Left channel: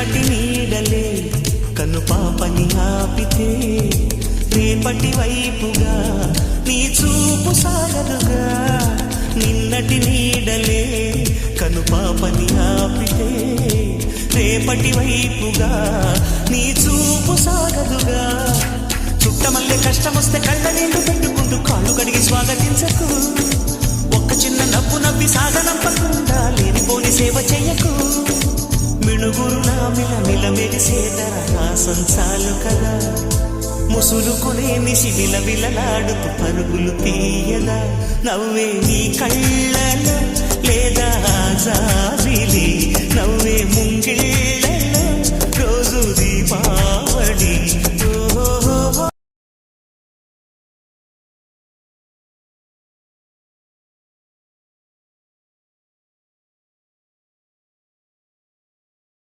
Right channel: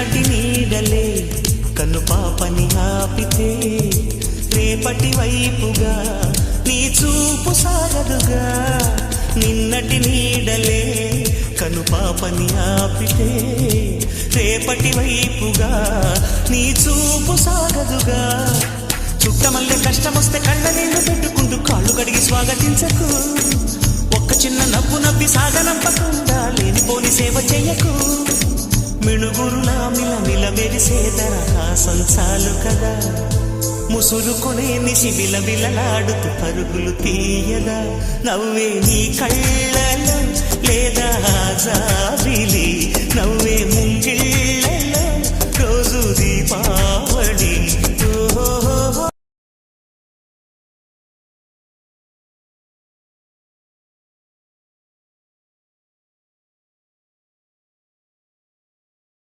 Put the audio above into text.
నిన్నటి నీడలే కన్ను పాపని ఆపితే రేపటి వైపుగా నీ చూపు సాగదుగా. నిన్నటి నీడలే కను పాపని ఆపితే రేపటి వైపుగా నీ చూపు సాగదుగా. చుట్టమల్లె కష్టమొస్తే కళ్ళ నీళ్లు పెట్టుకుంటూ కాళ్ళు కడిగి స్వాగతించకు. ఒక్క చిన్న నవ్వు నవ్వి సాగనంపకుండా లేనిపోని సేవ చెయ్యకు. మిణుగురులా మిలమిల మెరిసే దరహాసం చాలు కదా. ముసురుకునే నిశి విలవిలలాడుతూ పరుగులు తీయదా. నవ్వే నీ కళ్ళలో లేదా జాబిలి, నవ్వే ముంగిళ్ళ